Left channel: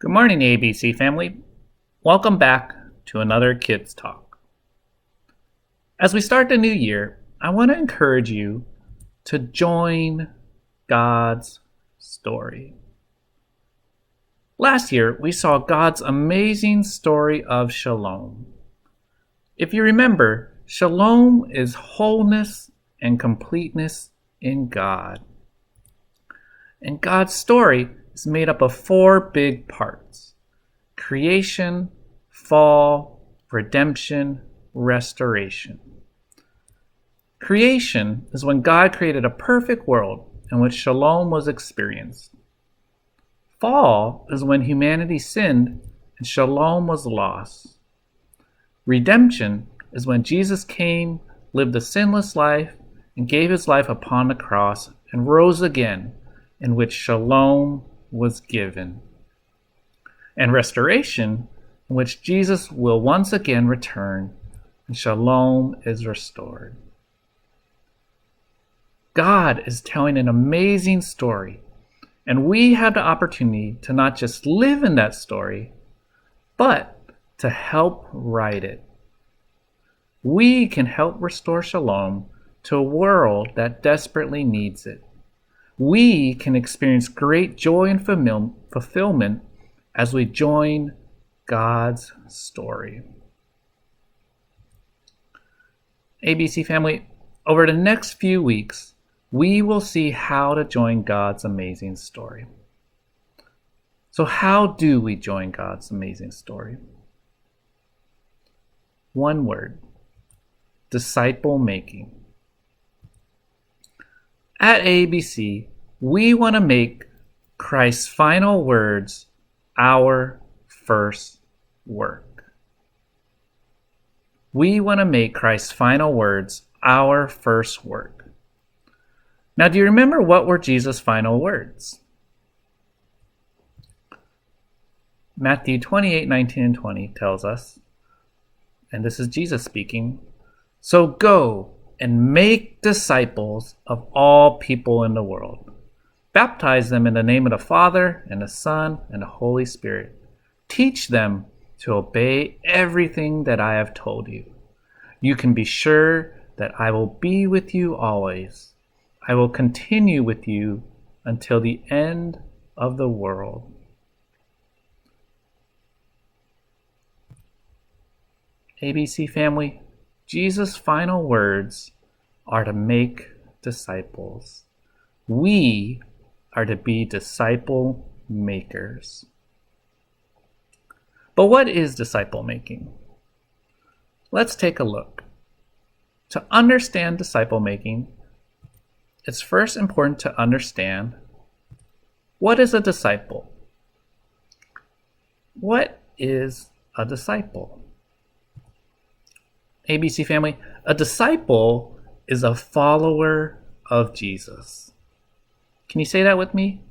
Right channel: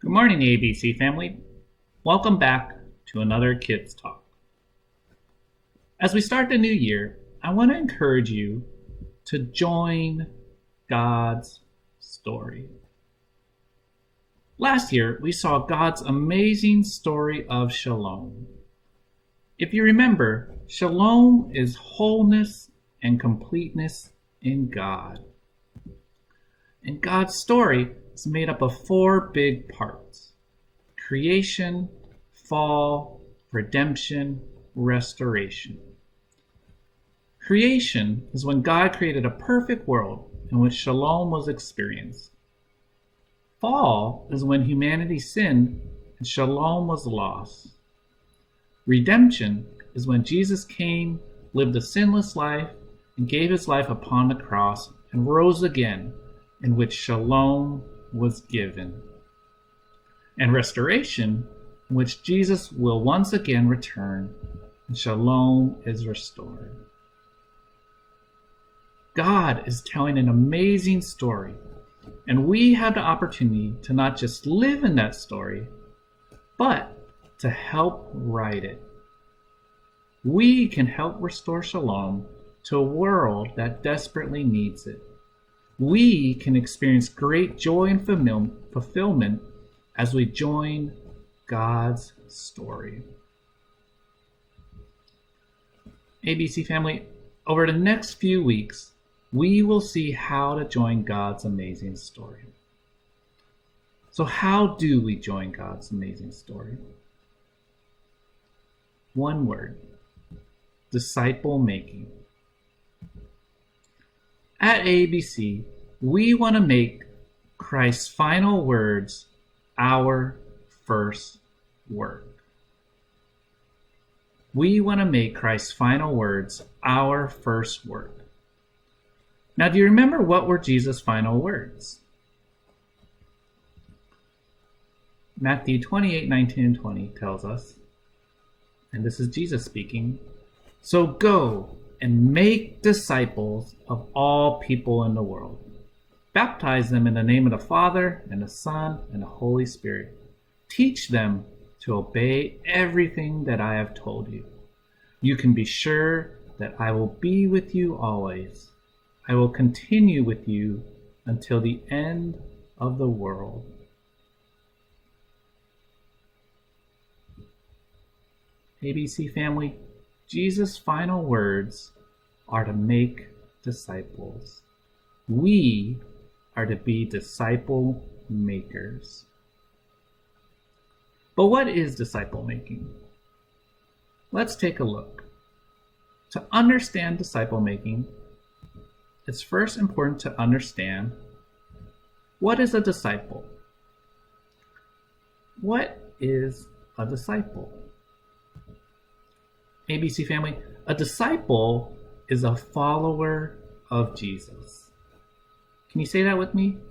Good morning, ABC family. Welcome back to another Kids Talk. As we start the new year, I want to encourage you to join God's story. Last year, we saw God's amazing story of shalom. If you remember, shalom is wholeness and completeness in God. And God's story is made up of four big parts: creation, fall, redemption, restoration. Creation is when God created a perfect world in which shalom was experienced. Fall is when humanity sinned and shalom was lost. Redemption is when Jesus came, lived a sinless life, and gave his life upon the cross and rose again, in which shalom was given. And restoration, in which Jesus will once again return and shalom is restored. God is telling an amazing story, and we have the opportunity to not just live in that story, but to help write it. We can help restore shalom to a world that desperately needs it. We can experience great joy and fulfillment as we join God's story. ABC family, over the next few weeks, we will see how to join God's amazing story. So how do we join God's amazing story? One word: disciple making. At ABC, we want to make Christ's final words our first work. We want to make Christ's final words our first work. Now, do you remember what were Jesus' final words? Matthew 28:19 and 20 tells us, and this is Jesus speaking, "So go and make disciples of all people in the world. Baptize them in the name of the Father and the Son and the Holy Spirit. Teach them to obey everything that I have told you. You can be sure that I will be with you always. I will continue with you until the end of the world." ABC family, Jesus' final words are to make disciples. We are to be disciple makers. But what is disciple making? Let's take a look. To understand disciple making, it's first important to understand, what is a disciple? What is a disciple? ABC family, a disciple is a follower of Jesus. Can you say that with me?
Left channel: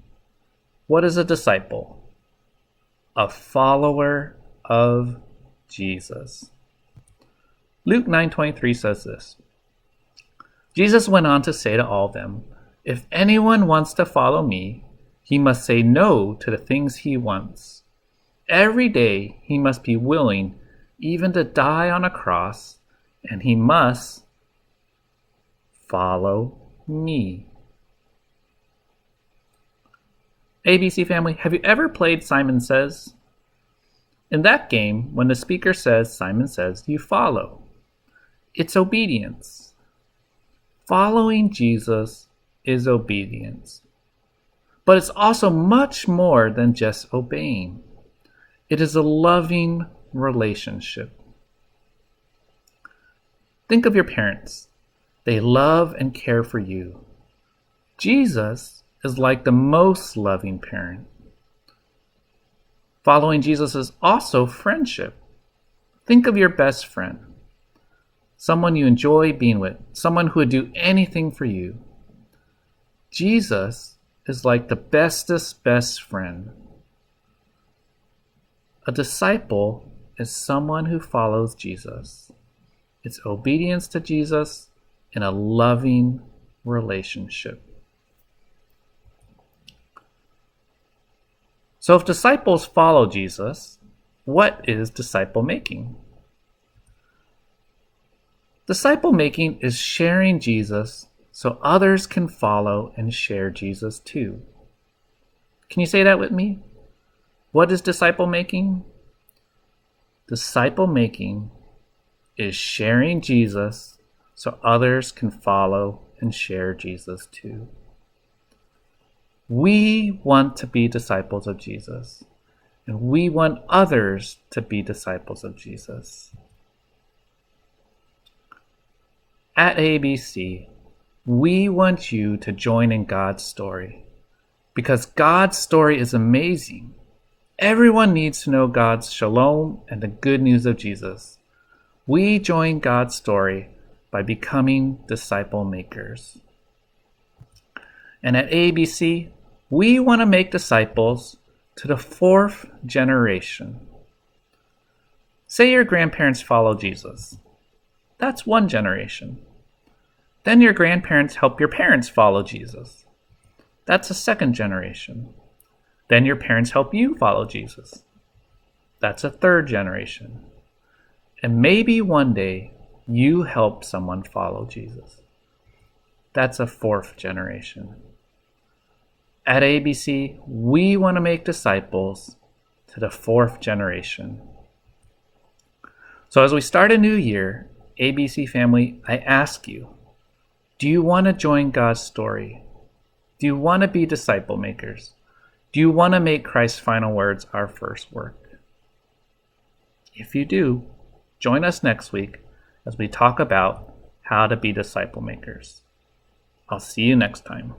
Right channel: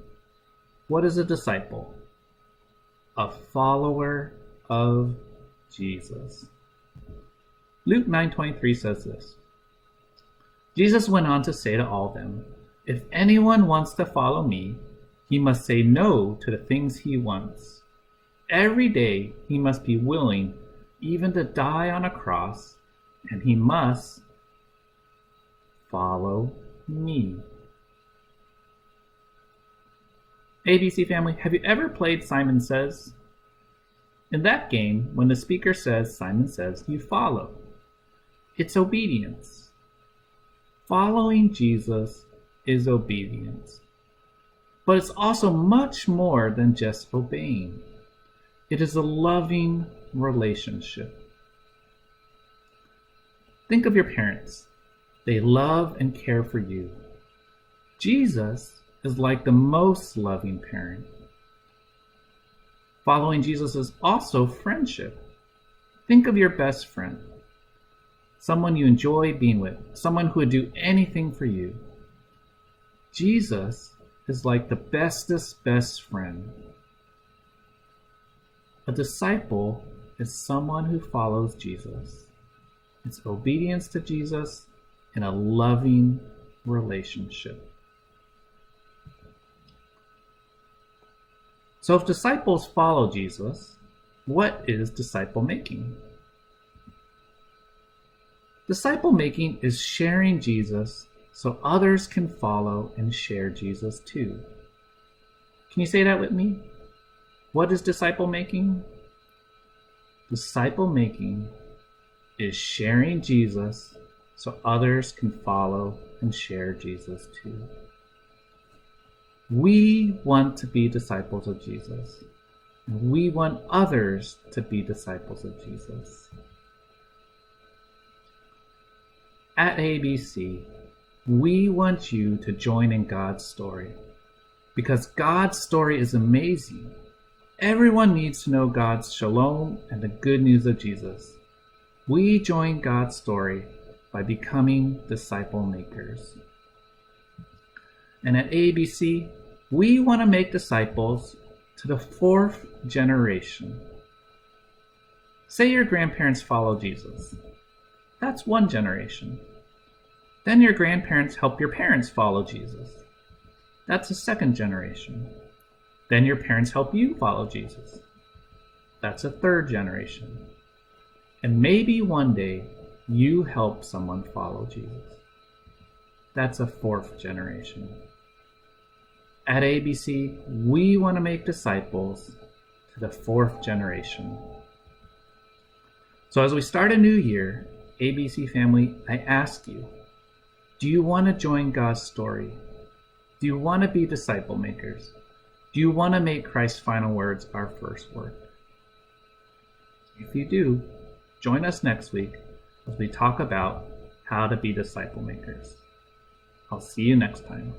What is a disciple? A follower of Jesus. Luke 9:23 says this: Jesus went on to say to all of them, "If anyone wants to follow me, he must say no to the things he wants. Every day he must be willing even to die on a cross, and he must follow me." ABC family, have you ever played Simon Says? In that game, when the speaker says Simon Says, you follow. It's obedience. Following Jesus is obedience. But it's also much more than just obeying. It is a loving relationship. Think of your parents. They love and care for you. Jesus is like the most loving parent. Following Jesus is also friendship. Think of your best friend, someone you enjoy being with, someone who would do anything for you. Jesus is like the bestest best friend. A disciple is someone who follows Jesus. It's obedience to Jesus in a loving relationship. So if disciples follow Jesus, what is disciple making? Disciple making is sharing Jesus so others can follow and share Jesus too. Can you say that with me? What is disciple making? Disciple making is sharing Jesus so others can follow and share Jesus too. We want to be disciples of Jesus, and we want others to be disciples of Jesus. At ABC, we want you to join in God's story because God's story is amazing. Everyone needs to know God's shalom and the good news of Jesus. We join God's story by becoming disciple makers. And at ABC, we want to make disciples to the 4th generation. Say your grandparents follow Jesus. That's 1 generation. Then your grandparents help your parents follow Jesus. That's a 2nd generation. Then your parents help you follow Jesus. That's a 3rd generation. And maybe one day you help someone follow Jesus. That's a 4th generation. At ABC, we want to make disciples to the 4th generation. So as we start a new year, ABC family, I ask you, do you want to join God's story? Do you want to be disciple makers? Do you want to make Christ's final words our first work? If you do, join us next week as we talk about how to be disciple makers. I'll see you next time.